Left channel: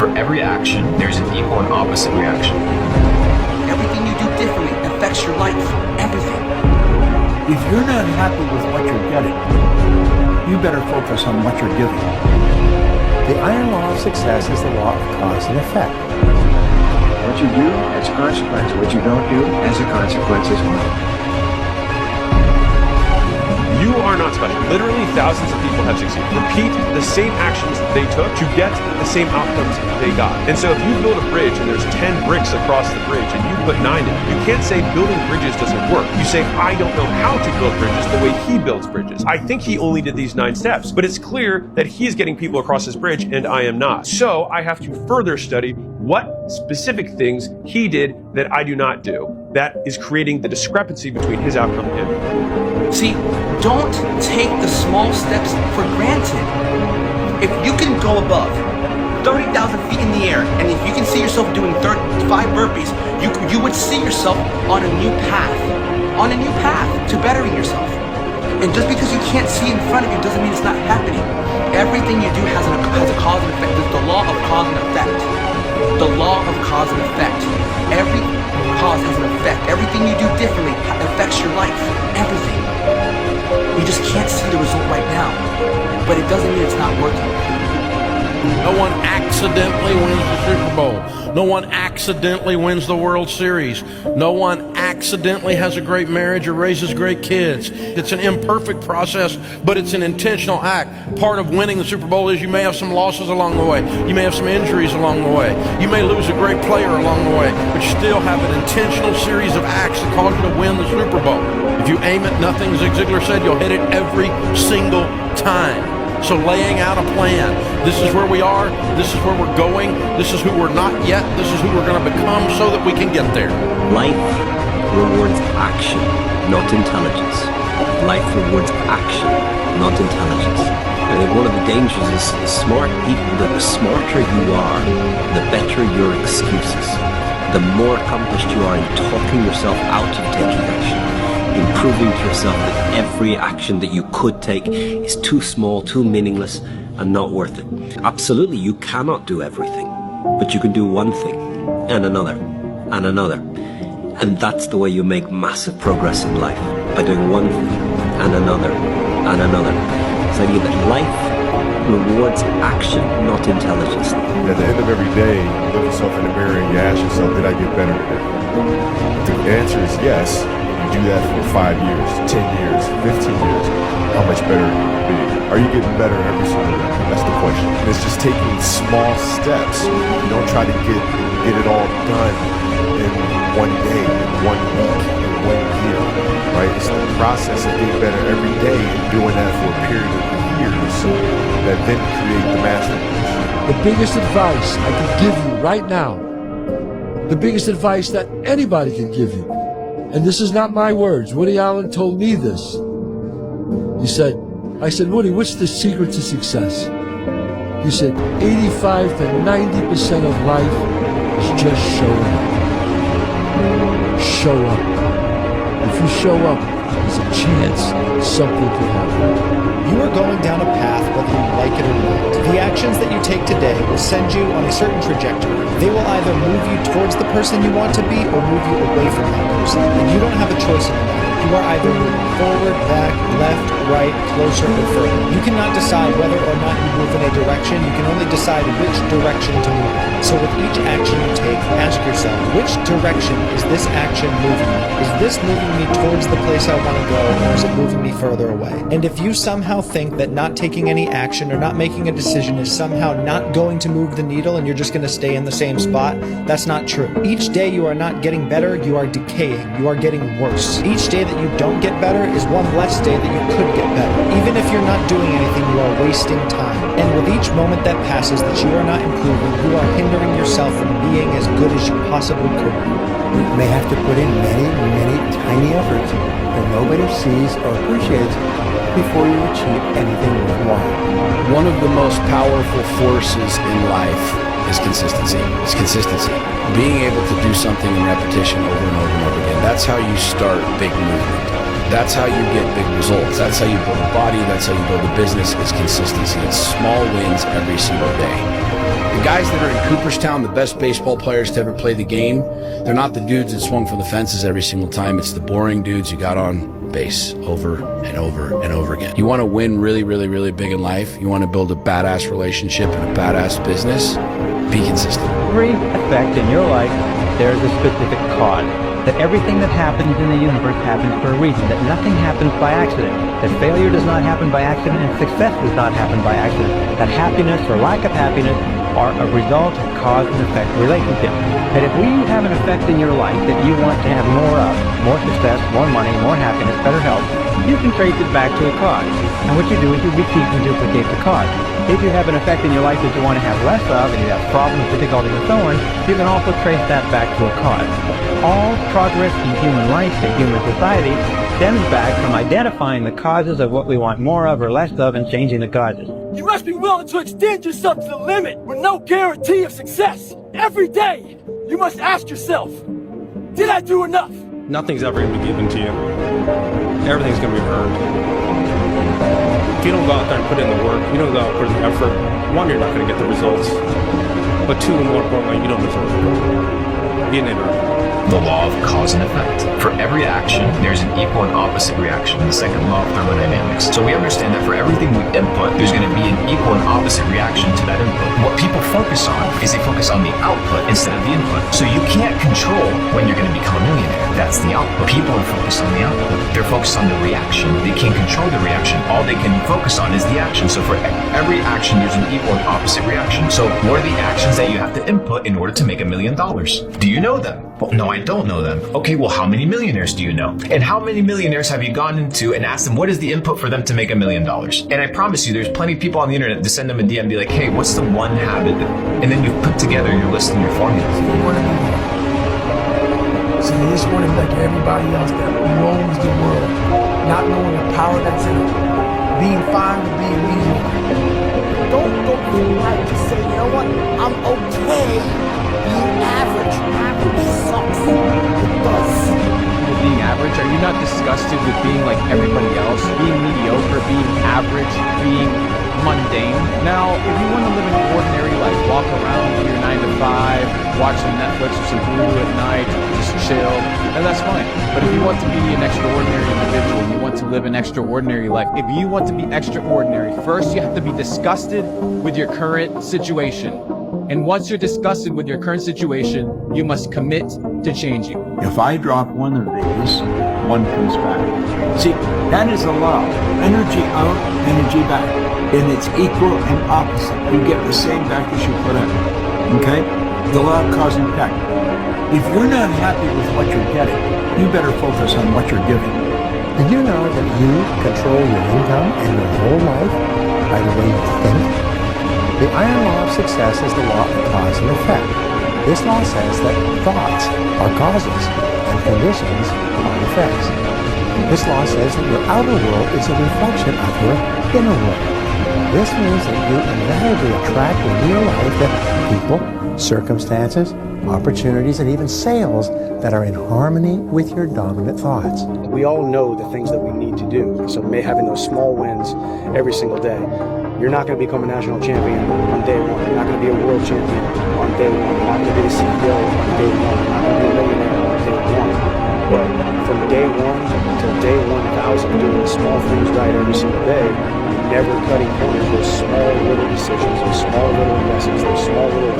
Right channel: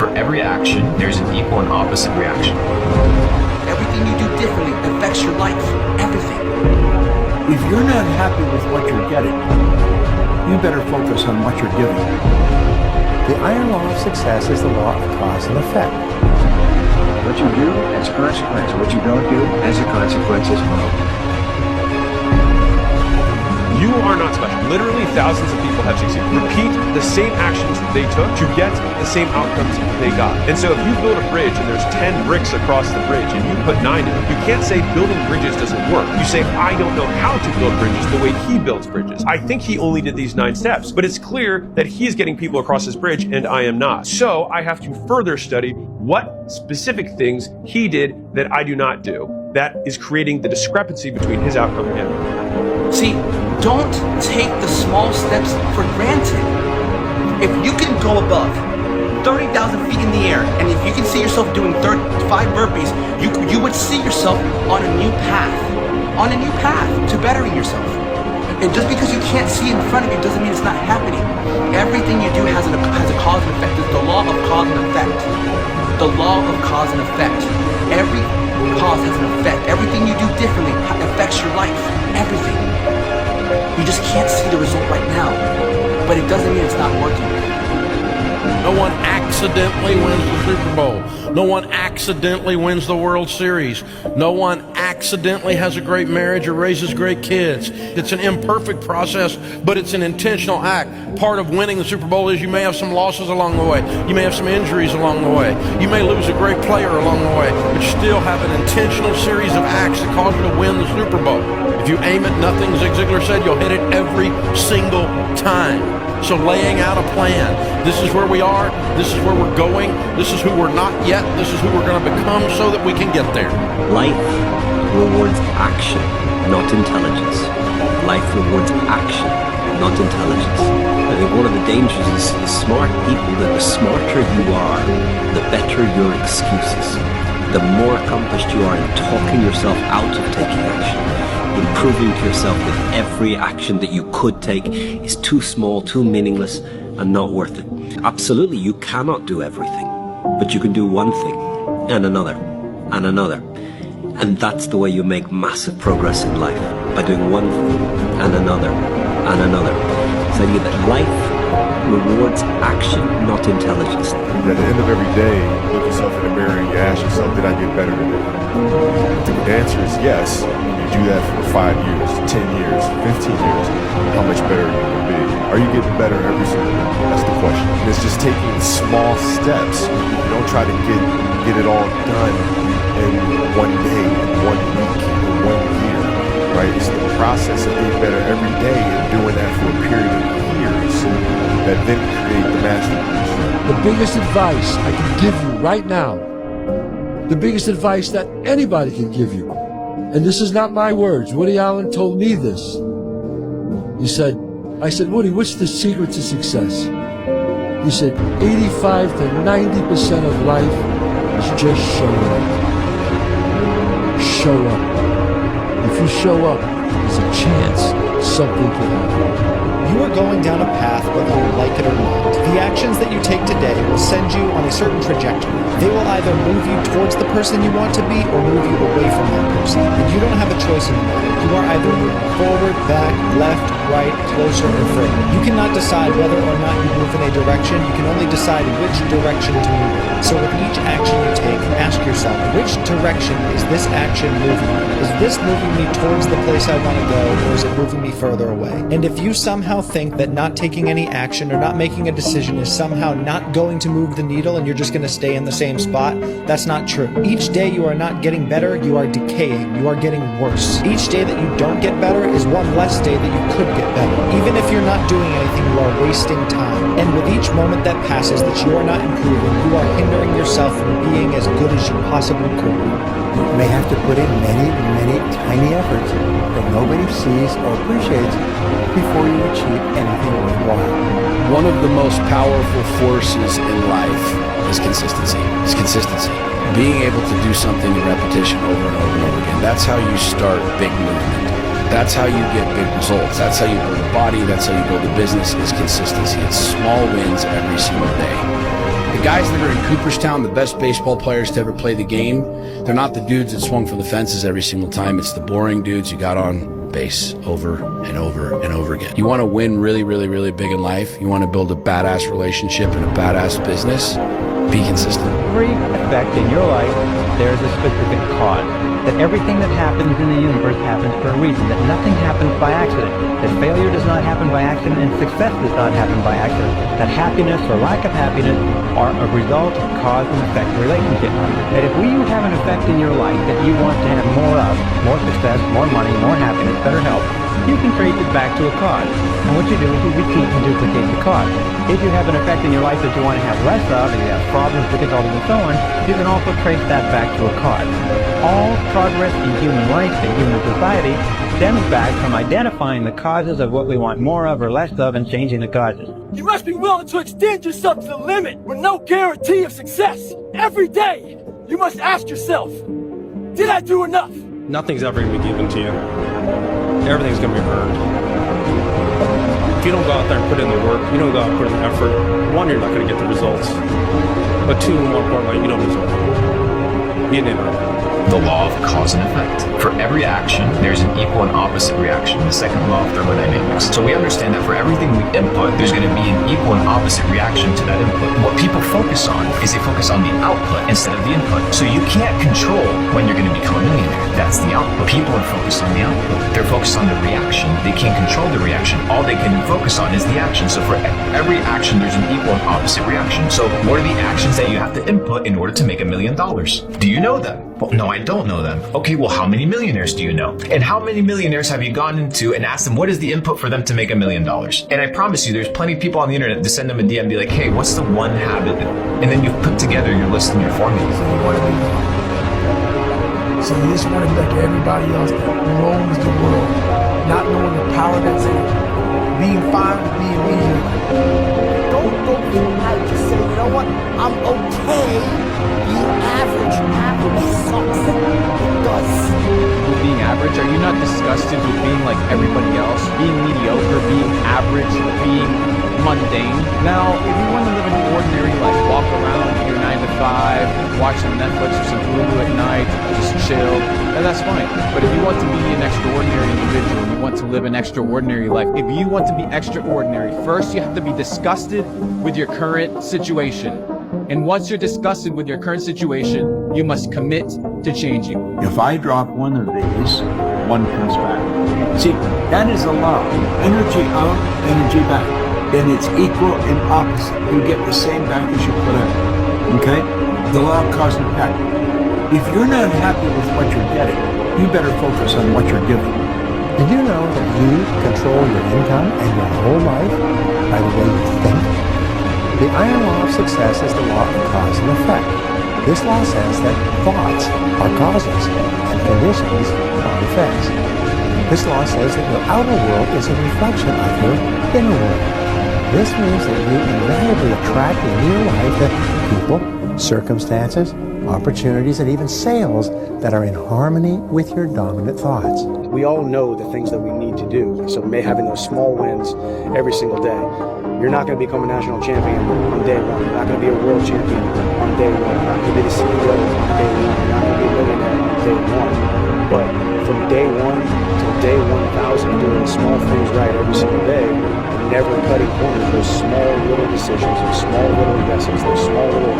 For every action, there's an equal and opposite reaction. Everything you do differently affects your life. Everything. If you're not happy with what you're getting, you better focus on what you're giving. The iron law of success is the law of cause and effect. What you do has a consequence. What you don't do has a consequence as well. You are not special. Literally thousands of people have succeeded. Repeat the same actions that they took to get the same outcomes they got. And so if you build a bridge and there's 10 bricks across the bridge and you put 9 in, you can't say building bridges doesn't work. You say, I don't know how to build bridges the way he builds bridges. I think he only did these 9 steps, but it's clear that he's getting people across his bridge and I am not. So I have to further study what specific things he did that I do not do. That is creating the discrepancy between his outcome and mine. See, don't take the small steps for granted. If you can go above 30,000 feet in the air, and if you can see yourself doing 5 burpees, you would see yourself on a new path to bettering yourself. And just because you can't see in front of you doesn't mean it's not happening. Everything you do has a cause and effect. It's the law of cause and effect. The law of cause and effect. Every cause has an effect. Everything you do differently affects your life. Everything. You just can't see the result right now, but it doesn't mean it's not working. No one accidentally wins the Super Bowl. No one accidentally wins the World Series. No one accidentally has a great marriage or raises great kids. It's an imperfect process, but it's an intentional act. Part of winning the Super Bowl is you may have some losses along the way. You may have some injuries along the way. You may lose a great player along the way, but you still have an intentional series of acts that cause you to win the Super Bowl. If you aim at nothing, Zig Ziglar said, you'll hit it every single time. So laying out a plan, this is where we are, this is where we're going, this is who we're not yet, this is who we're going to become so that we can get there. Life rewards action, not intelligence. Life rewards action, not intelligence. I think one of the dangers is smart people, that the smarter you are, the better your excuses. The more accomplished you are in talking yourself out of taking action. In proving to yourself that every action that you could take is too small, too meaningless, and not worth it. Absolutely, you cannot do everything, but you can do one thing, and another, and another. And that's the way you make massive progress in life, by doing one thing, and another, and another. So I think that life rewards action, not intelligence. At the end of every day, you look yourself in the mirror and you ask yourself, did I get better today? If the answer is yes, do that for 5 years, 10 years, 15 years, how much better are you going to be? Are you getting better every single day? That's the question. And it's just taking small steps. You don't try to get it all done in one day, in 1 week, in 1 year, right? It's the process of getting better every day and doing that for a period of years that then create the masterpiece. The biggest advice I can give you right now, the biggest advice that anybody can give you, and this is not my words. Woody Allen told me this. I said, Woody, what's the secret to success? He said, 85 to 90% of life is just showing up. Show up. If you show up, there's a chance something could happen. You are going down a path whether you like it or not. The actions that you take today will send you on a certain trajectory. They will either move you towards the person you want to be or move you away from that person. And you don't have a choice in the matter. You are either moving forward, back, left, right, closer, or further. You cannot decide whether or not you move in a direction. You can only decide which direction to move in. So with each action you take, ask yourself, which direction is this action moving me? Is this moving me towards the place I want to go, or is it moving me further away? And if you somehow think that not taking any action or not making a decision is somehow not going to move the needle and you're just going to stay in the same spot, that's not true. Each day you are not getting better, you are decaying, you are getting worse. Each day that you don't get better is one less day that you could get better. Even if you're not doing anything, you are wasting time. And with each moment that passes that you are not improving, you are hindering yourself from being as good as you possibly could be. You may have to put in many, many tiny efforts that nobody sees or appreciates before you achieve anything worthwhile. One of the most powerful forces in life is consistency. It's consistency. Being able to do something in repetition over and over and over again. That's how you start big movement. That's how you get big results. That's how you build a body. That's how you build a business, is consistency. It's small wins every single day. The The guys that are in Cooperstown, the best baseball players to ever play the game, they're not the dudes that swung from the fences every single time. It's the boring dudes who got on base over and over and over again. You want to win really, really, really big in life. You want to build a badass relationship and a badass business. Be consistent. Every effect in your life, there is a specific cause. That everything that happens in the universe happens for a reason. That nothing happens by accident. That failure does not happen by accident and success does not happen by accident. That happiness or lack of happiness are a result of cause and effect relationship. That if you have an effect in your life that you want to have more of, more success, more money, more happiness, better health, you can trace it back to a cause. And what you do is you repeat and duplicate the cause. If you have an effect in your life that you want to have less of, and you have problems, difficulties, and so on, you can also trace that back to a cause. All progress in human life and human society stems back from identifying the causes of what we want more of or less of and changing the causes. You must be willing to extend yourself to the limit with no guarantee of success. Every day, you must ask yourself, did I do enough? Nothing's ever going to be given to you. Everything's going to be earned. If you don't go out there and put in the work, you don't go out and put in the effort, one, you're not going to get the results. But two, more importantly, you don't deserve it. You didn't earn it. The law of cause and effect. For every action, there's an equal and opposite reaction, the second law of thermodynamics. So we understand that for everything we input, there's going to be an equal and opposite reaction to that input. What people focus on is they focus on the output instead of the input. So you can't control when you're going to become a millionaire. That's the output. People are focused on the output. They're focused on the reaction. They can't control the reaction. All they can focus on is the action. So for every action, there's an equal and opposite reaction. So what are the actions that you have to input in order to make $1 million? Do you know them? Well, no, I don't know them. Okay, well, how many millionaires do you know? And how many millionaires have you gone into and asked them what is the input for them to make $1 million? And I promise you, there's plenty of people on the internet to send them a DM and be like, hey, what's the one habit? And then you've put together your list and your formula. So you want to be normal. So you just want to be like everybody else that roams the world, not knowing the power that's in it, being fine with being mediocre. Don't go through life to say, you know what, I'm okay being average. Average sucks. It does. With being average, are you not disgusted with being like everybody else? Being mediocre, being average, being mundane? Now, if you want to live an ordinary life, walk around, do your 9 to 5, watch some Netflix or some Hulu at night, just chill, then that's fine. But if you want to be an extraordinary individual and you want to live an extraordinary life, if you want to be extraordinary, first you have to be disgusted with your current situation. And once you're disgusted with your current situation, you must commit to changing. If I drop one of these, one comes back. See, that is a law. Energy out, energy back. And it's equal and opposite. You get the same back as you put out. Okay? The law of cause and effect. If you're not happy with what you're getting, you better focus on what you're giving. Did you know that you control your income and your whole life by the way you think? The iron law of success is the law of cause and effect. This law says that thoughts are causes and conditions are effects. This law says that your outer world is a reflection of your inner world. This means that you invariably attract into your life the people, circumstances, opportunities, and even sales that are in harmony with your dominant thoughts. We all know the things that we need to do. So having those small wins every single day. You're not going to become a national champion on day one. You're not going to be a world champion on day one. You're not going to be the CEO on day one. You're not going to be a millionaire on day one. But from day one till day 1,000, doing the small things right every single day, and never cutting corners, those small little decisions, those small little yeses, those small little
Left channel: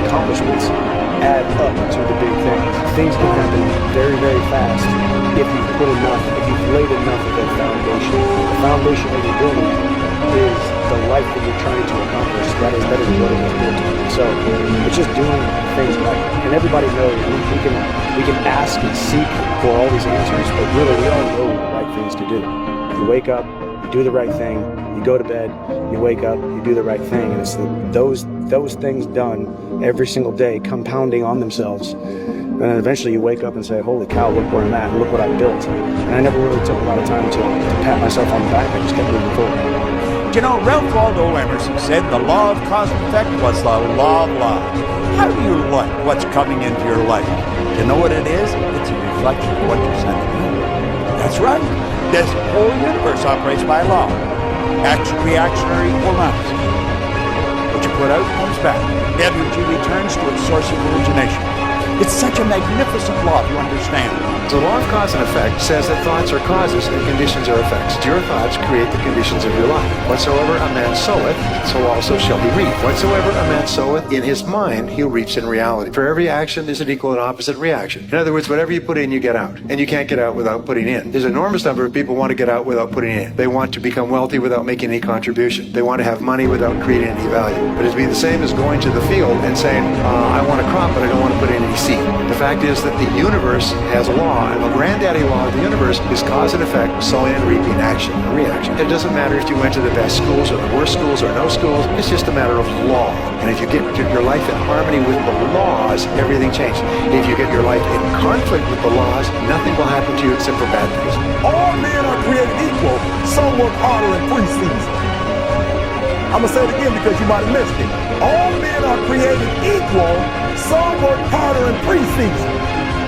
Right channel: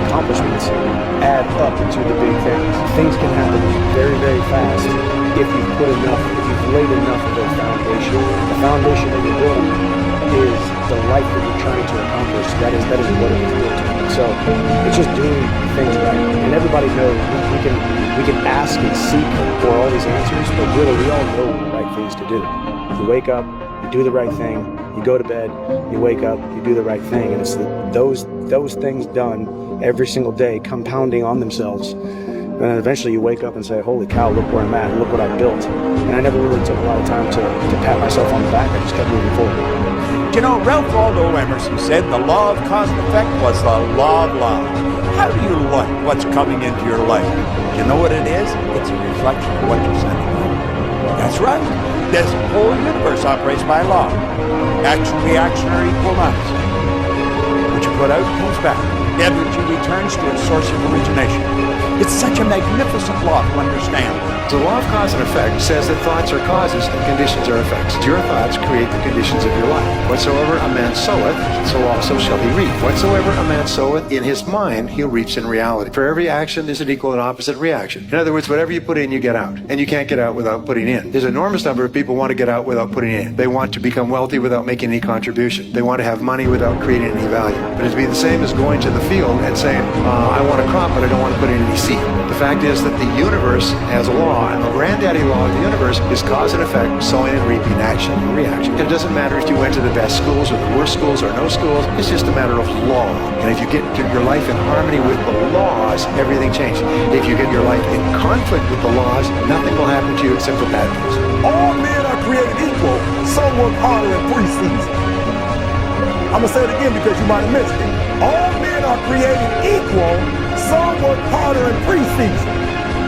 accomplishments add up to the big things. Things can happen very, very fast if you've put enough, if you've laid enough of a foundation. The foundation that you're building is the life that you're trying to accomplish. That is what it is built on. So it's just doing things right. And everybody knows we can ask and seek for all these answers, but really we all know the right things to do. You wake up, you do the right thing, you go to bed, you wake up, you do the right thing, and it's those things done every single day compounding on themselves. And then eventually you wake up and say, holy cow, look where I'm at, and look what I built. And I never really took a lot of time to pat myself on the back. I just kept moving forward. You know, Ralph Waldo Emerson said the law of cause and effect was the law of laws. How do you like what's coming into your life? Do you know what it is? It's a reflection of what you're sending out. That's right. This whole universe operates by law. Action, reaction, or equal and opposite. What What you put out comes back. Energy returns to its source of origination. It's such a magnificent law to understand. The law of cause and effect says that thoughts are causes and conditions are effects. Your thoughts create the conditions of your life. Whatsoever a man soweth, so also shall he reap. Whatsoever a man soweth in his mind, he'll reap in reality. For every action, there's an equal and opposite reaction. In other words, whatever you put in, you get out. And you can't get out without putting in. There's an enormous number of people who want to get out without putting in. They want to become wealthy without making any contribution. They want to have money without creating any value. But it'd be the same as going to the field and saying, I want a crop, but I don't want to put in any seed. The fact is that the universe has a law, and the granddaddy law of the universe is cause and effect, sowing and reaping, action and reaction. It doesn't matter if you went to the best schools or the worst schools or no schools. It's just a matter of law. And if you get your life in harmony with the laws, everything changes. If you get your life in conflict with the laws, nothing will happen to you except for bad things. All men are created equal. Some work harder in preseason. I'm going to say it again because you might have missed it. All men are created equal. Some work harder in preseason.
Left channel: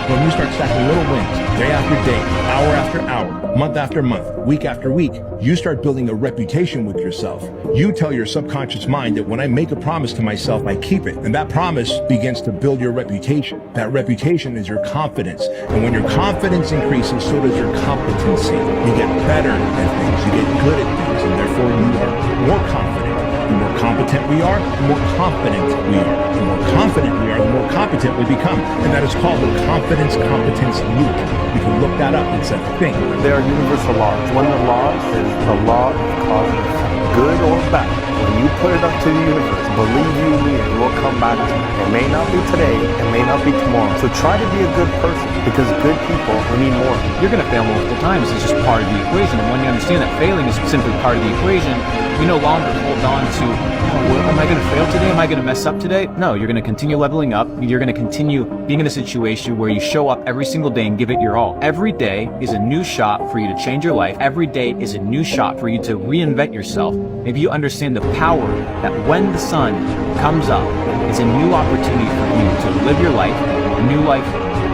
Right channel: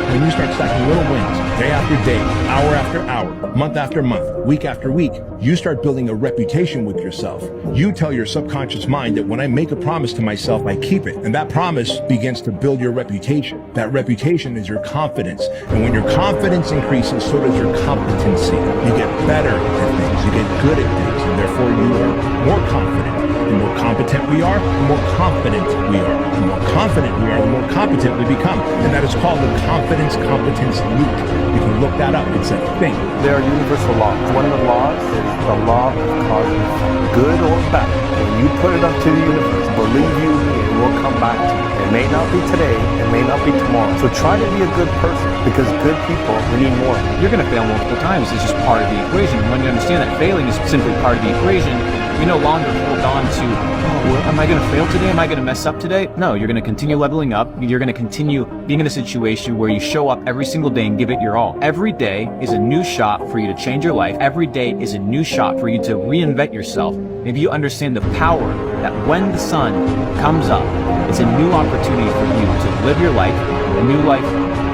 When you start stacking little wins, day after day, hour after hour, month after month, week after week, you start building a reputation with yourself. You tell your subconscious mind that when I make a promise to myself, I keep it. And that promise begins to build your reputation. That reputation is your confidence. And when your confidence increases, so does your competency. You get better at things, you get good at things, and therefore you are more confident. The more competent we are, the more confident we are. The more confident we are, the more competent we become. And that is called the confidence-competence loop. You can look that up. It's a thing. There are universal laws. One of the laws is the law of cause and effect. Good or bad, when you put it up to the universe, believe you me, it will come back to you. It may not be today, it may not be tomorrow. So try to be a good person, because good people, we need more. You're going to fail multiple times. It's just part of the equation. And when you understand that failing is simply part of the equation, you no longer hold on to, am I going to fail today? Am I going to mess up today? No, you're going to continue leveling up. You're going to continue being in a situation where you show up every single day and give it your all. Every day is a new shot for you to change your life. Every day is a new shot for you to reinvent yourself. Maybe you understand the power that when the sun comes up, it's a new opportunity for you to live your life, a new life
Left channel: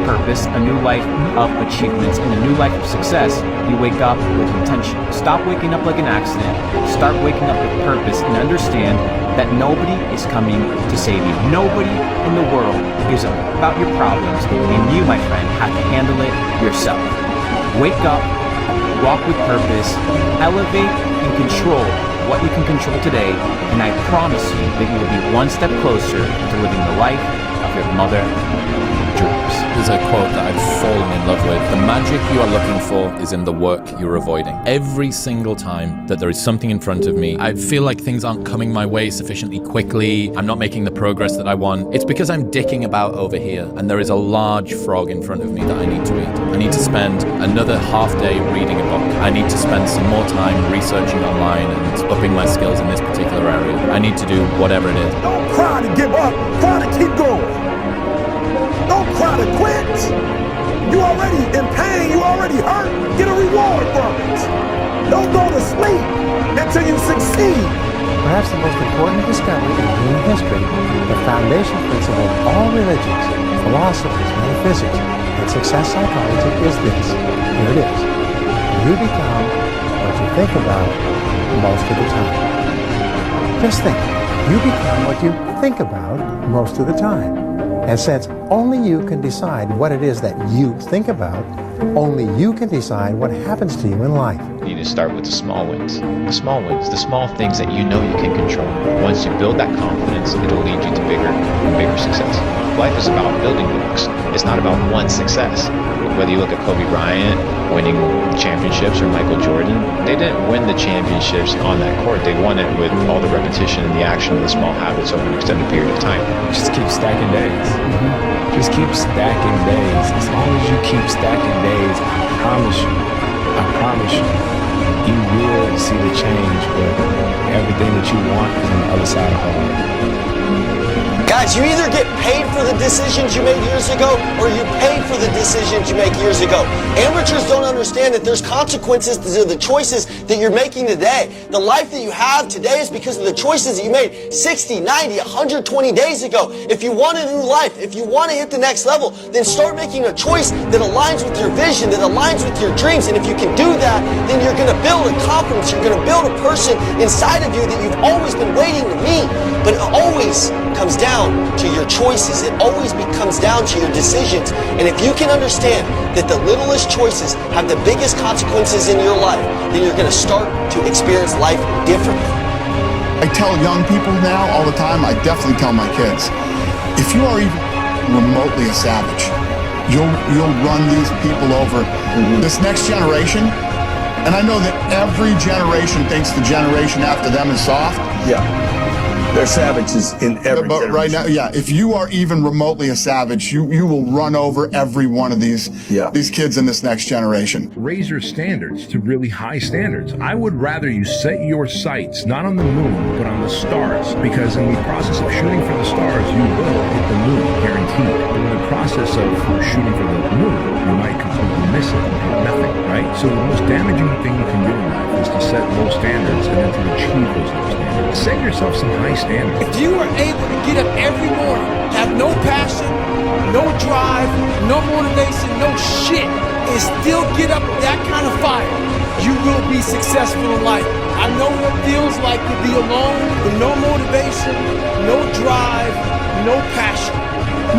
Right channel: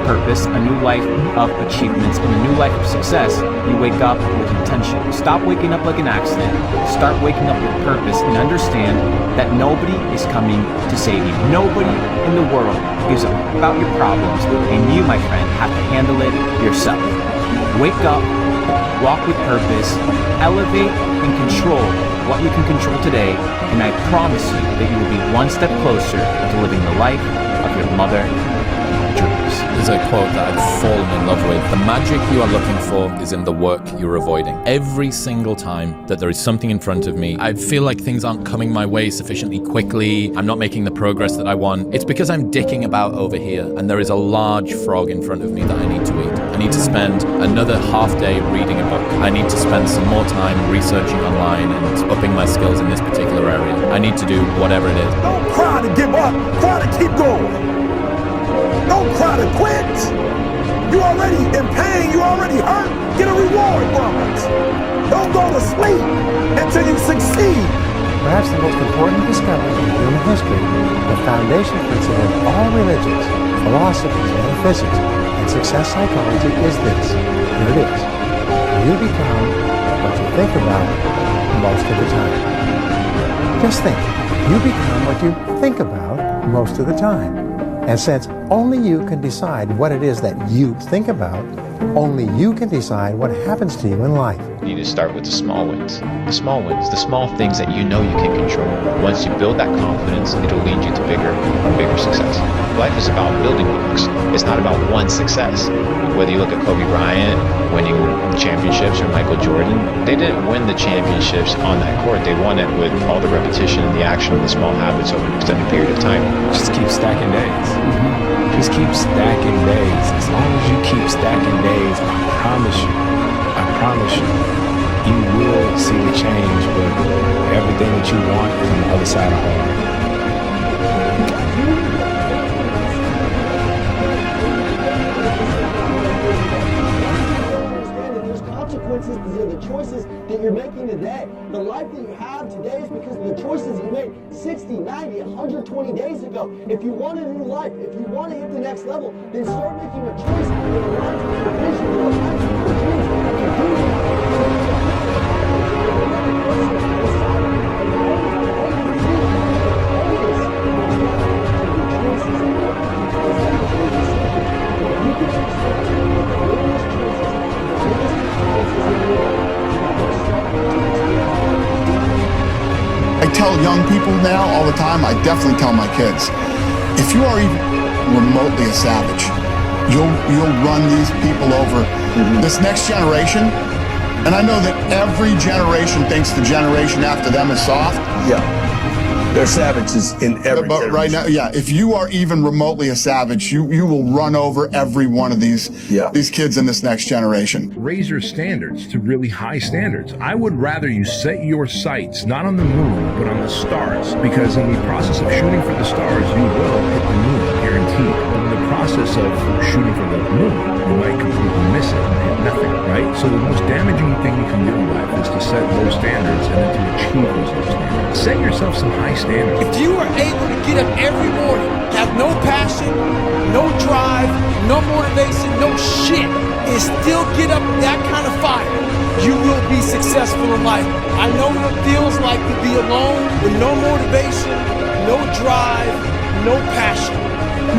purpose, a new life of achievements, and a new life of success. You wake up with intention. Stop waking up like an accident. Start waking up with purpose and understand that nobody is coming to save you. Nobody in the world gives up about your problems, and you, my friend, have to handle it yourself. Wake up, walk with purpose, elevate and control what you can control today, and I promise you that you will be one step closer to living the life of your mother dreams. There's a quote that I've fallen in love with. The magic you are looking for is in the work you're avoiding. Every single time that there is something in front of me, I feel like things aren't coming my way sufficiently quickly, I'm not making the progress that I want. It's because I'm dicking about over here, and there is a large frog in front of me that I need to eat. I need to spend another half day reading a book. I need to spend some more time researching online and upping my skills in this particular area. I need to do whatever it is. Don't cry to give up, cry to keep going. Don't cry to quit. You already in pain, you already hurt. Get a reward from it. Don't go to sleep until you succeed. Perhaps the most important discovery in human history, the foundation principle of all religions, philosophies, metaphysics, and success psychology is this. Here it is. You become what you think about most of the time. Just think. You become what you think about most of the time. And since only you can decide what it is that you think about, only you can decide what happens to you in life. You need to start with the small wins. The small wins, the small things that you know you can control. Once you build that confidence, it'll lead you to bigger and bigger success. Life is about building blocks. It's not about one success. Whether you look at Kobe Bryant winning championships or Michael Jordan, they didn't win the championships on that court. They won it with all the repetition and the action of the small habits over an extended period of time. Just keep stacking days. Just keep stacking days. As long as you keep stacking days, I promise you, you will see the change, but everything that you want is on the other side of hard. Guys, is you either get paid for the decisions you made years ago or you pay for the decisions you make years ago. Amateurs don't understand that there's consequences to the choices that you're making today. The life that you have today is because of the choices that you made 60, 90, 120 days ago. If you want a new life, if you want to hit the next level, then start making a choice that aligns with your vision, that aligns with your dreams. And if you can do that, then you're going to build a confidence. You're going to build a person inside of you that you've always been waiting to meet. But it always comes down to your choices. It always comes down to your decisions. And if you can understand that the littlest choices have the biggest consequences in your life, then you're going to start to experience life differently. I tell young people now all the time, I definitely tell my kids, if you are even remotely a savage, you'll run these people over. This next generation, and I know that every generation thinks the generation after them is soft. Yeah. They're savages in every But right now, yeah, if you are even remotely a savage, you will run over every one of these kids in this next generation. Raise your standards to really high standards. I would rather you set your sights not on the moon, but on the stars, because in the process of shooting for the stars, you will hit the moon, guaranteed. But in the process of shooting for the moon, you might completely miss it and hit nothing, right? So the most damaging thing you can do in life is to set low standards and then to achieve those low standards. Set yourself some high standards. If you are able to get up every morning, have no passion, no drive, no motivation, no shit, and still get up with that kind of fire, you will be successful in life. I know what it feels like to be alone with no motivation, no drive, no passion.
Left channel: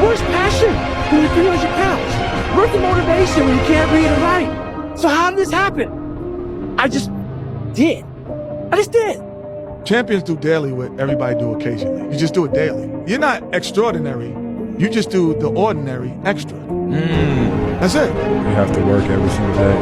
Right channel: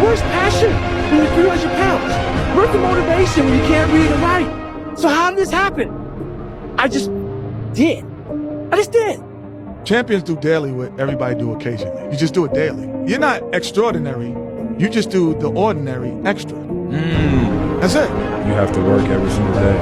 Where's passion when you're 300 pounds? Where's the motivation when you can't read and write? So how did this happen? I just did. Champions do daily what everybody do occasionally. You just do it daily. You're not extraordinary. You just do the ordinary extra. That's it. You have to work every single day.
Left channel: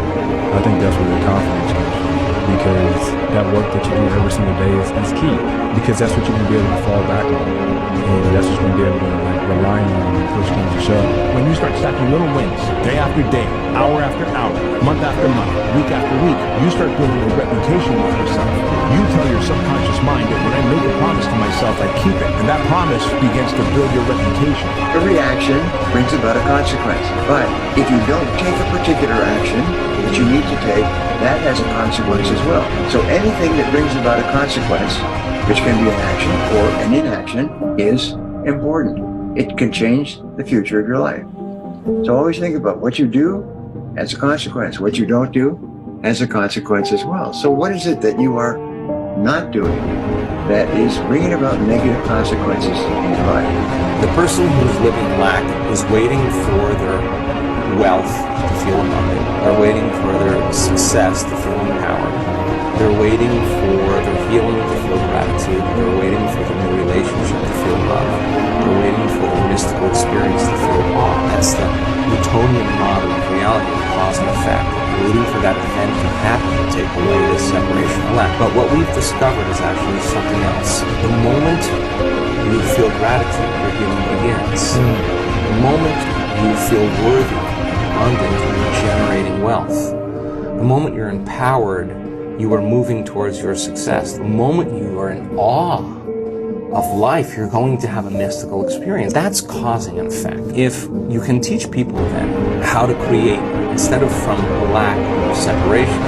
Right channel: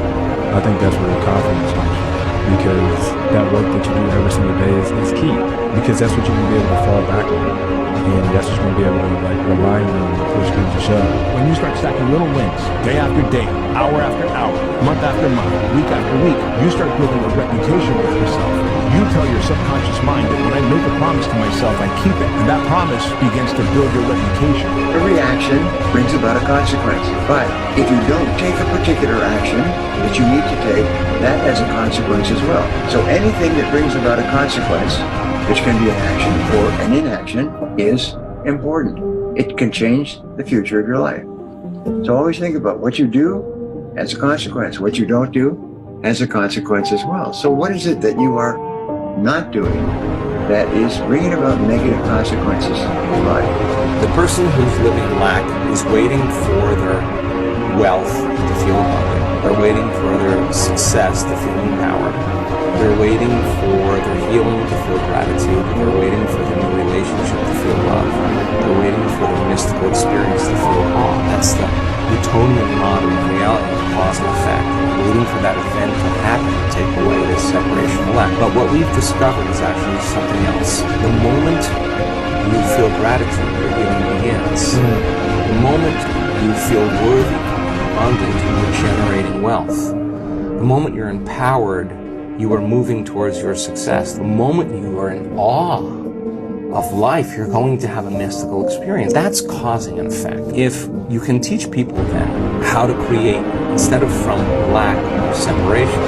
I think that's where the confidence comes from. Because that work that you do every single day is key. Because that's what you're going to be able to fall back on. And that's what you're going to be able to rely on when push comes to shove. When you start stacking little wins, day after day, hour after hour, month after month, week after week, you start building a reputation with yourself. You tell your subconscious mind that when I make a promise to myself, I keep it. And that promise begins to build your reputation. Every action brings about a consequence. But if you don't take a particular action that you need to take, that has a consequence as well. So anything that brings about a consequence, which can be an action or an inaction, is important. It can change the future of your life. So always think about what you do has a consequence. What you don't do has a consequence as well. So what is it that you are not doing that is bringing about negative consequences in your life? The person who's living in lack is waiting for their wealth to feel abundant. They're waiting for their success to feel empowered. They're waiting for their healing to feel gratitude. They're waiting for their new relationship to feel love. They're waiting for their mystical experience to feel awe. That's the Newtonian model of reality, of cause and effect. Waiting for that event to happen to take away this separation of lack. But what we've discovered is actually something else. The moment you feel gratitude, your healing begins. The moment you feel worthy and abundant, you're generating wealth. The moment you're empowered, you are moving towards your success. The moment you are in awe of life, you're going to have a mystical experience. That's causing an effect. If you can teach people then how to create, instead of from lack or separation,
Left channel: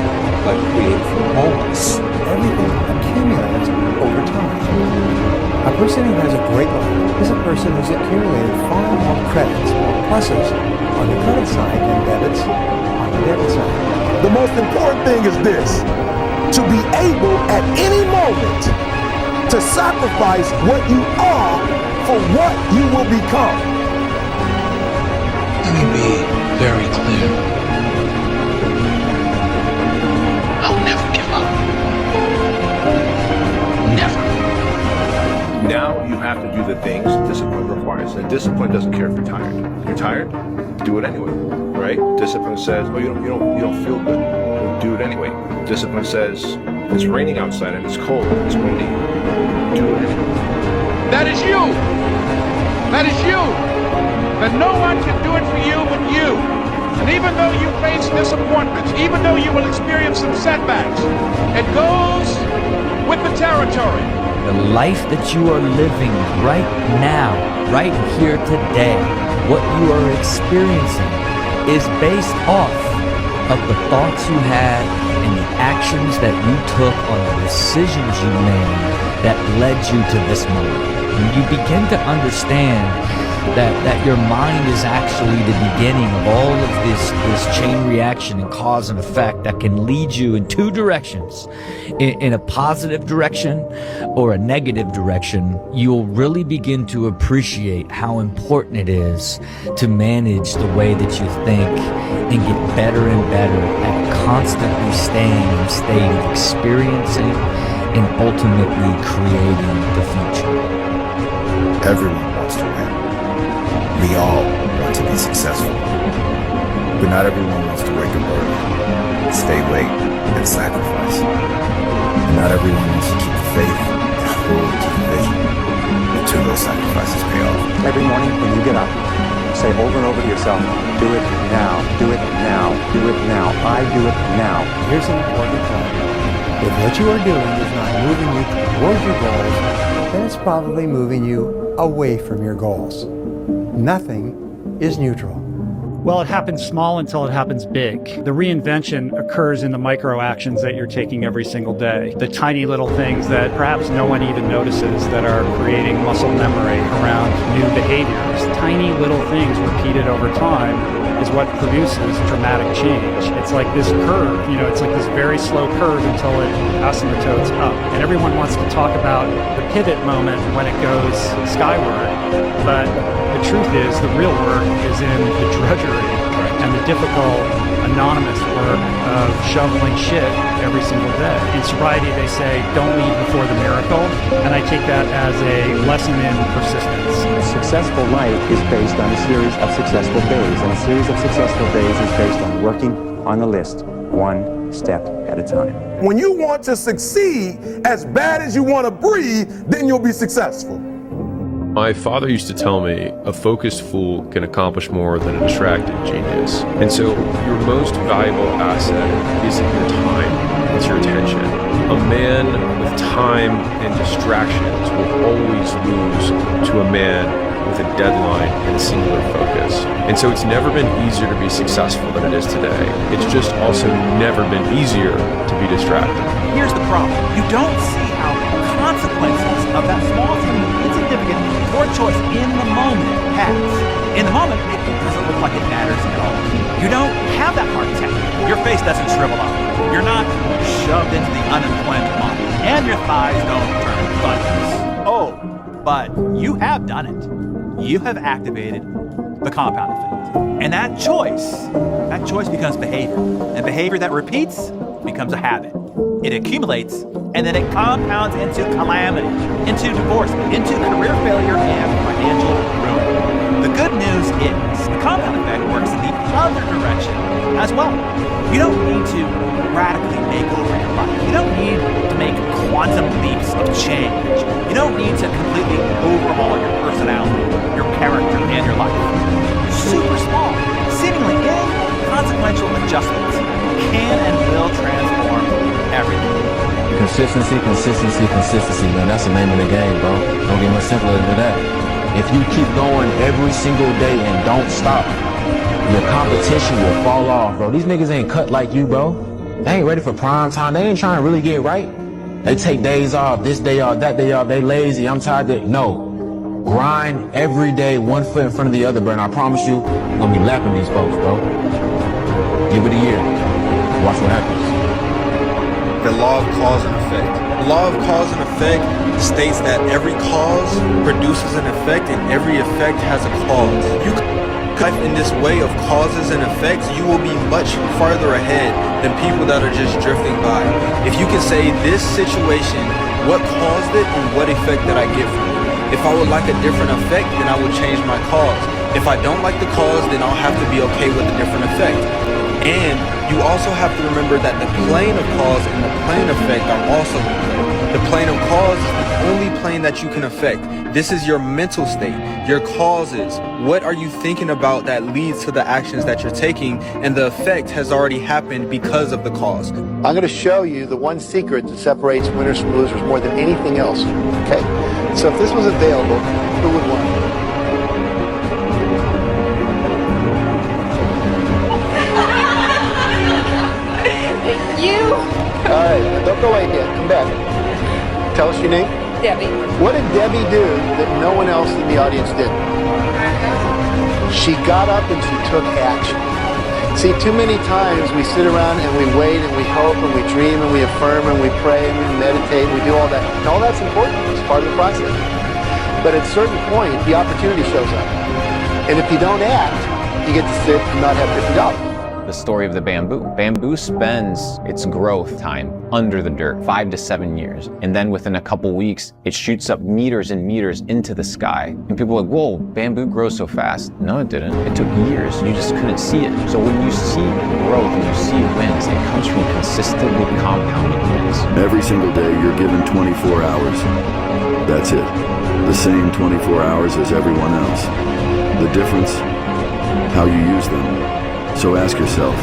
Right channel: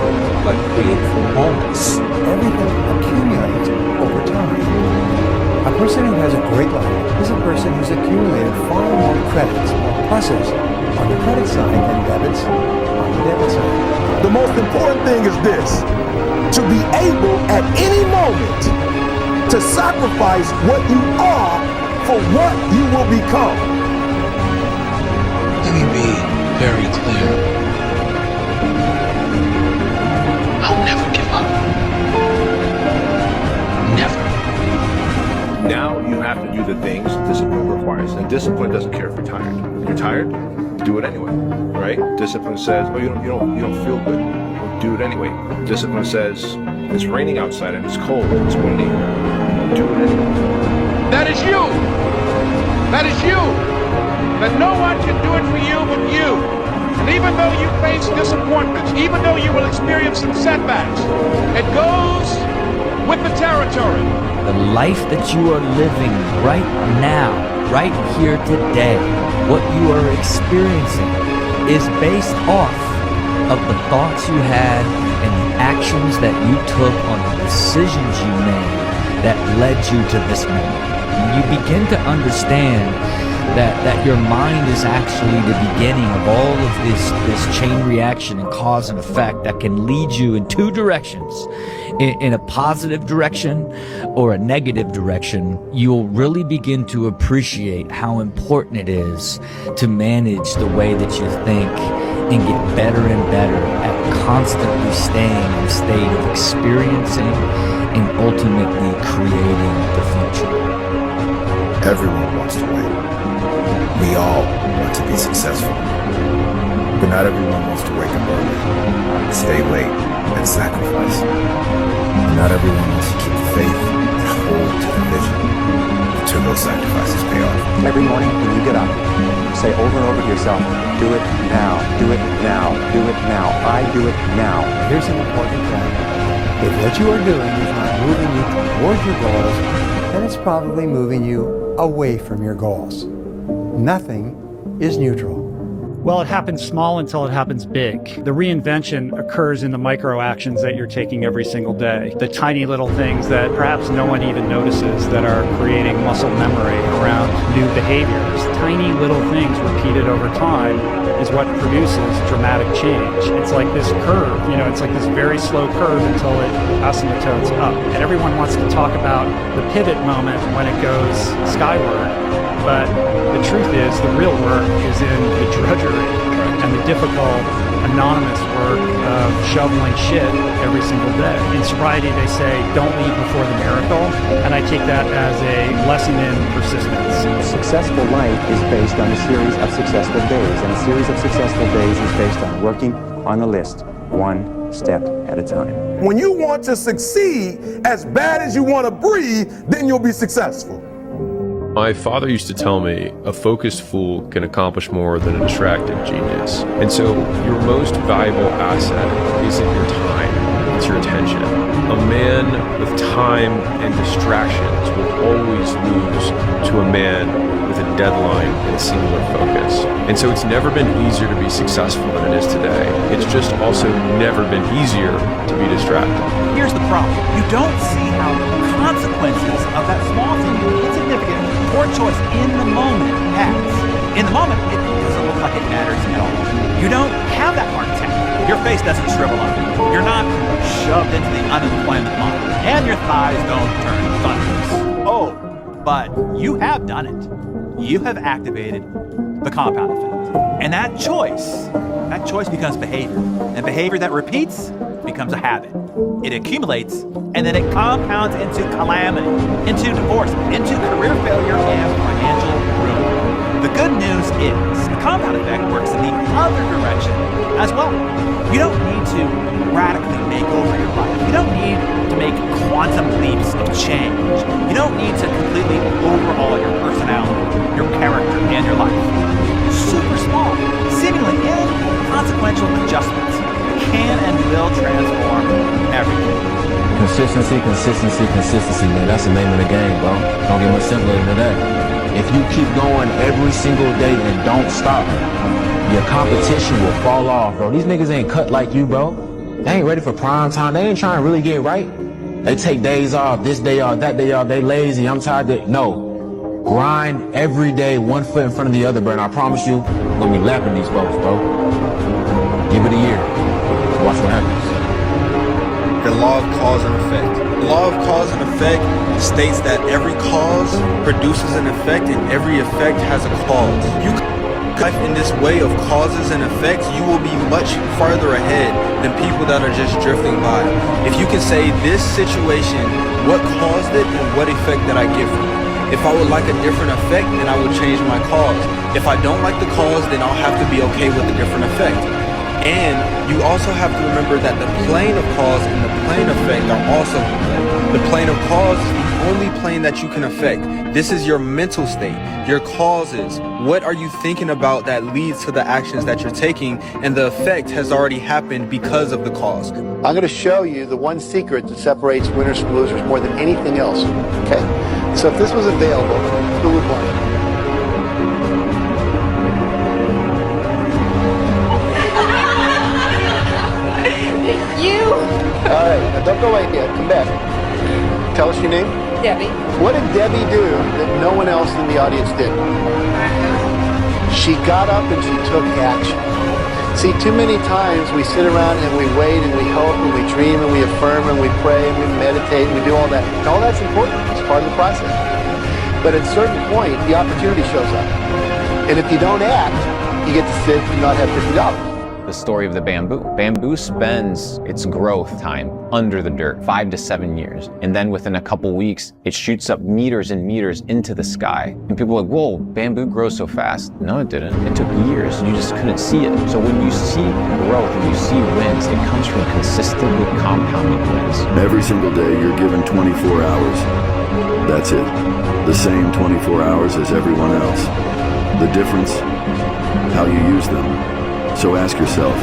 but create from wholeness. Everything accumulates over time. A person who has a great life is a person who's accumulated far more credits, more pluses on the credit side than debits on the debit side. The most important thing is this: to be able at any moment to sacrifice what you are for what you will become. Let me be very clear. I'll never give up. Never. Now you have to do the things discipline requires. And discipline doesn't care if you're tired. You're tired? Do it anyway, right? Discipline says, oh, you don't feel good. Well, do it anyway. Discipline says, it's raining outside and it's cold, it's windy. Do it anyway. That is you. That is you. That no one can do it for you but you. And even though you face disappointments, even though you will experience some setbacks, it goes with the territory. the life that you are living right now, right here today, what you are experiencing is based off of the thoughts you had and the actions that you took on the decisions you made that led you to this moment. And you begin to understand that your mind is actually the beginning of all of this chain reaction and cause and effect that can lead you in two directions. In a positive direction or a negative direction, you'll really begin to appreciate how important it is to manage the way that you think and get better and better at constantly staying in a state of experiencing and ultimately creating the future. Everyone wants to win. We all want to be successful. But not everyone wants to wake up early, stay late, and sacrifice. And not everyone wants to keep the faith and hold to the vision until those sacrifices pay off. Every morning when you get up, say over and over to yourself, do it now, do it now, do it now, I do it now. Here's an important point. If what you are doing is not moving you towards your goals, then it's probably moving you away from your goals. Nothing is neutral. Well, it happens small until it happens big. The reinvention occurs in the micro actions that you're taking every single day. The tiny little things that perhaps no one even notices that are creating muscle memory around new behaviors. Tiny little things repeated over time is what produces dramatic change. It's like this curve, it's like this very slow curve until it asymptotes up. And everyone wants to talk about the pivot moment when it goes skyward, but the truth is the real work is in the drudgery and the difficult, anonymous work of shoveling shit every single day. In sobriety, they say, don't leave before the miracle, and I take that as a lesson in persistence. A successful life is based on a series of successful days, and a series of successful days is based on working on the list, one step at a time. When you want to succeed as bad as you want to breathe, then you'll be successful. My father used to tell me, a focused fool can accomplish more than a distracted genius. And so your most valuable asset isn't your time, it's your attention. A man with time and distractions will always lose to a man with a deadline and a singular focus. And so it's never been easier to be successful than it is today. It's just also never been easier to be distracted. Here's the problem. You don't see how consequences of that small, seemingly insignificant, poor choice in the moment has. In the moment, it doesn't look like it matters at all. You don't have that heart attack. Your face doesn't shrivel up. You're not shoved into the unemployment model. And your thighs don't turn thunderous. Oh, but you have done it. You have activated the compound effect. And that choice becomes behavior. And behavior that repeats becomes a habit. It accumulates, and then it compounds into calamity, into divorce, into career failure and financial ruin. The good news is the compound effect works in the other direction as well. You don't need to radically make over your life. You don't need to make quantum leaps of change. You don't need to completely overhaul your personality, your character, and your life. Super small, seemingly inconsequential adjustments can and will transform everything. Consistency, man. That's the name of the game, bro. Don't get much simpler than that. If you keep going every single day and don't stop, your competition will fall off, bro. These niggas ain't cut like you, bro. They ain't ready for prime time. They ain't trying to really get right. They take days off, this day off, that day off. They lazy. I'm tired. No. Grind every day, one foot in front of the other, bro. And I promise you, I'm gonna be lapping these folks, bro. Give it a year. Watch what happens. The law of cause and effect. The law of cause and effect states that every cause produces an effect and every effect has a cause. You life in this way of causes and effects, you will be much farther ahead than people that are just drifting by. If you can say this situation, what caused it and what effect did I get from it? If I would like a different effect, then I would change my cause. If I don't like the cause, then I'll have to be okay with a different effect. And you also have to remember that the plane of cause and the plane of effect are also in play. The plane of cause is the only plane that you can affect. This is your mental state, your causes. What are you thinking about that leads to the actions that you're taking? And the effect has already happened because of the cause. I'm going to show you the one secret that separates winners from losers more than anything else. Okay? So if this was available, who would want it? You? All right, now don't go away yet. Come back. Tell us your name. Debbie. What did Debbie do that no one else in the audience did? She got up and she took action. See, too many times we sit around and we wait and we hope and we dream and we affirm and we pray and we meditate and we do all that. And all that's important. It's part of the process. But at a certain point, the opportunity shows up. And if you don't act, you get to sit and not have $50. The story of the bamboo. Bamboo spends its growth time under the dirt, 5 to 7 years. And then within a couple weeks, it shoots up meters and meters into the sky. And people are like, whoa, bamboo grows so fast. No, it didn't. It took years. You just couldn't see it. So when you see growth and you see wins, it comes from consistently compounding wins. Every single day, you're given 24 hours. That's it. The same 24 hours as everyone else. The difference, how you use them. So ask yourself,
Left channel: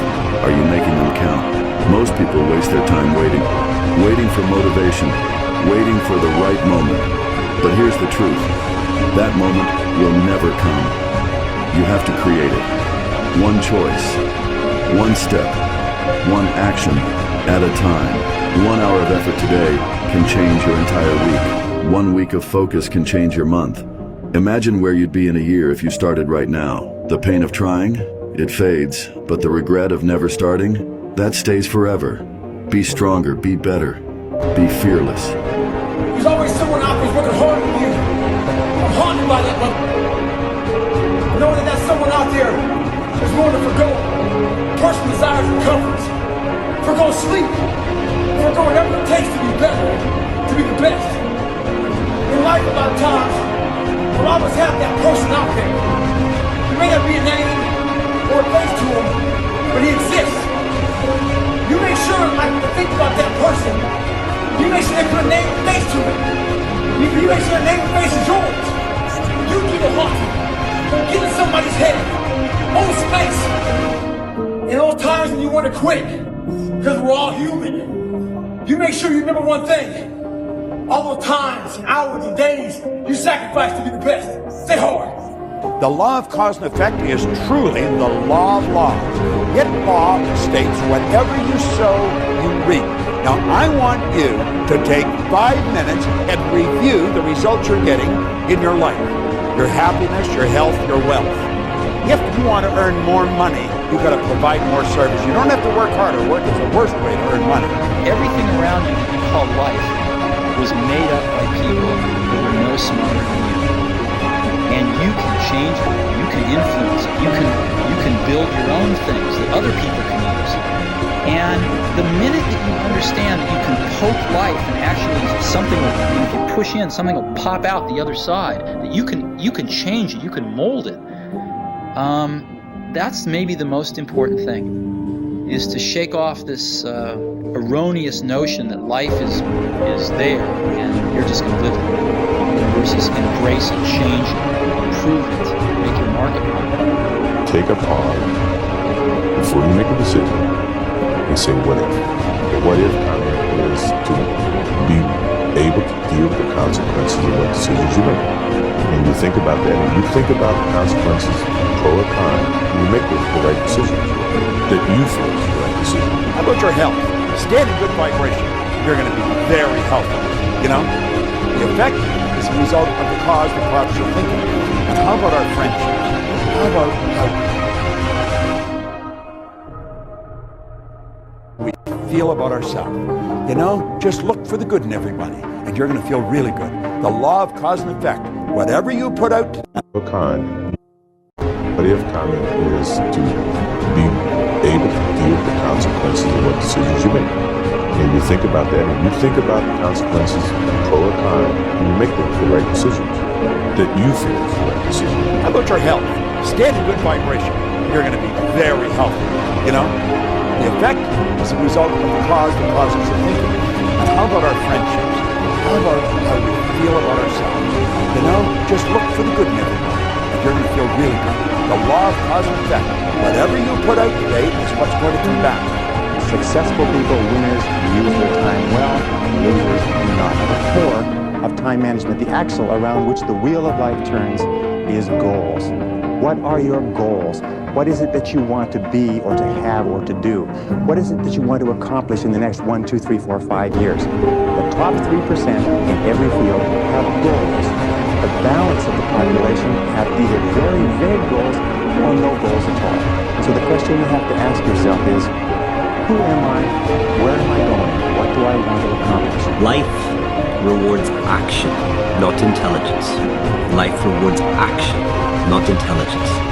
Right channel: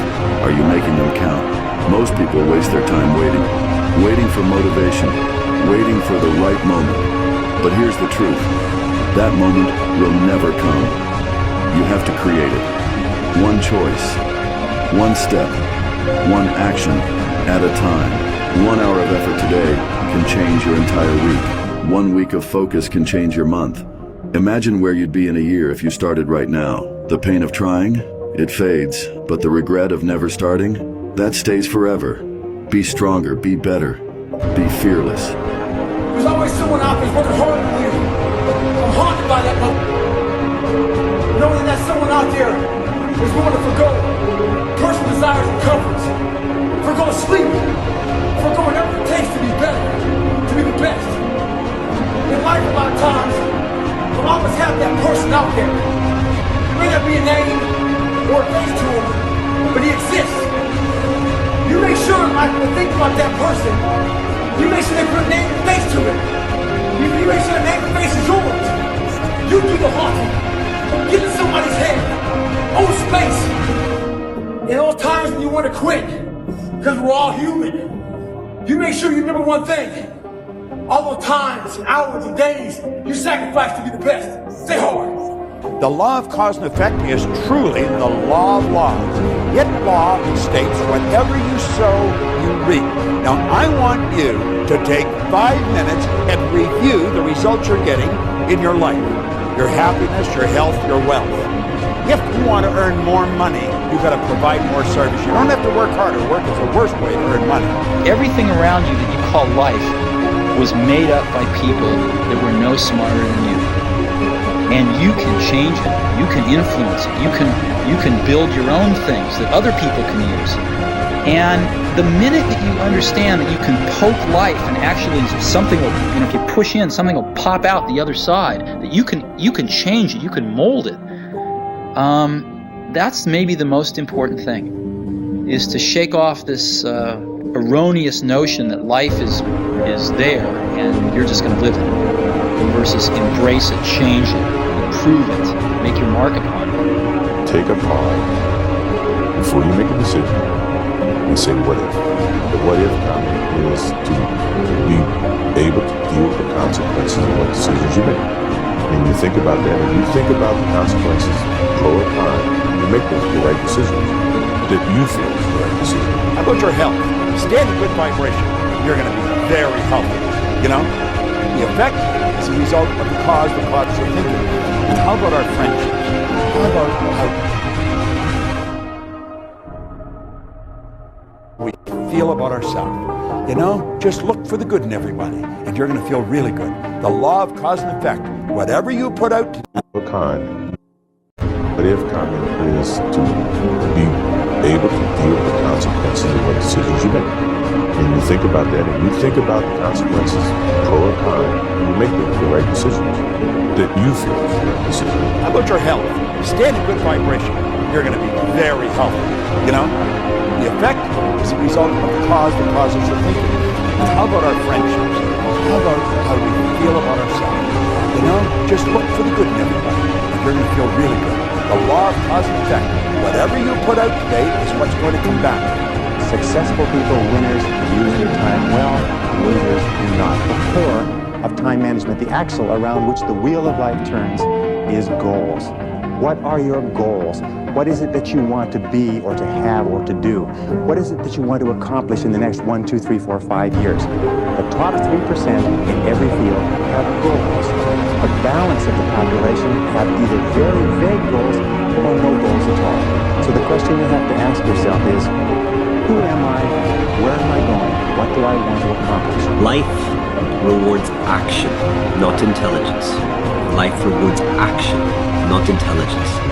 are you making them count? Most people waste their time waiting for motivation, waiting for the right moment. But here's the truth, that moment will never come. You have to create it. One choice, one step, one action at a time. 1 hour of effort today can change your entire week. 1 week of focus can change your month. Imagine where you'd be in a year if you started right now. The pain of trying? It fades, but the regret of never starting, that stays forever. Be stronger, be better, be fearless. There's always someone out there working harder than you. I'm haunted by that one. Knowing that someone out there is willing to forgo personal desires and comforts, forgo sleep, forgo whatever it takes to be better, to be the best. In life, a lot of times, we'll always have that person out there. There may not be a name or a face to him, but he exists. You make sure in life to think about that person. You make sure they put a name and face to it. You make sure the name and face is yours. You do the haunting. Get in somebody's head. Own space. In all times when you want to quit, because we're all human, you make sure you remember one thing. All those times, and hours, and days you sacrifice to be the best. Stay hard. The law of cause and effect is truly the law of laws. Yet law states whatever you sow, you reap. Now, I want you to take 5 minutes and review the results you're getting in your life. Your happiness, your health, your wealth. If you want to earn more money, you've got to provide more service. You don't have to work harder. Work is the worst way to earn money. Everything around you that you call life was made up by people that were no smarter than you. And you can change it. You can influence it. You can build your own things that other people can use. And the minute that you understand that you can poke life and actually something will, if you push in, something will pop out the other side, that you can change it, you can mold it. That's maybe the most important thing, is to shake off this erroneous notion that life is there and you're just going to live it, versus embrace it, change it, improve it, make your mark upon it. Take a pause before you make a decision and say, what if? The what if comment is to be able to deal with the consequences of what decisions you make. And you think about that, and you think about the consequences, pro or con, and you make the right decisions that you feel is the right decision. How about your health? Stay in good vibration. You're going to be very healthy. The effect is a result of the cause you're thinking. And how about our friendships? How about how we feel about ourselves? Just look for the good in everybody, and you're going to feel really good. The law of cause and effect. Whatever you put out to what if comment is to be able to deal with the consequences of what decisions you make. And you think about that, and you think about the consequences, pro or con, and you make the right decisions that you feel is the right decision. How about your health? Stay in good vibration. You're going to be very healthy. The effect is a result of the causes you're thinking. And how about our friendships? How about how we feel about ourselves? Just look for the good in everybody, and you're going to feel really good. The law of cause and effect. Whatever you put out today is what's going to come back. Successful people, winners, use their time well. Losers do not. The poor of time management, the axle around which the wheel of life turns, is goals. What are your goals? What is it that you want to be or to have or to do? What is it that you want to accomplish in the next 1, 2, 3, 4, 5 years? The top 3% in every field have goals. The balance of the population have either very vague goals or no goals at all. So the question you have to ask yourself is, who am I? Where am I going? What do I want to accomplish? Life rewards action, not intelligence. Life rewards action, not intelligence.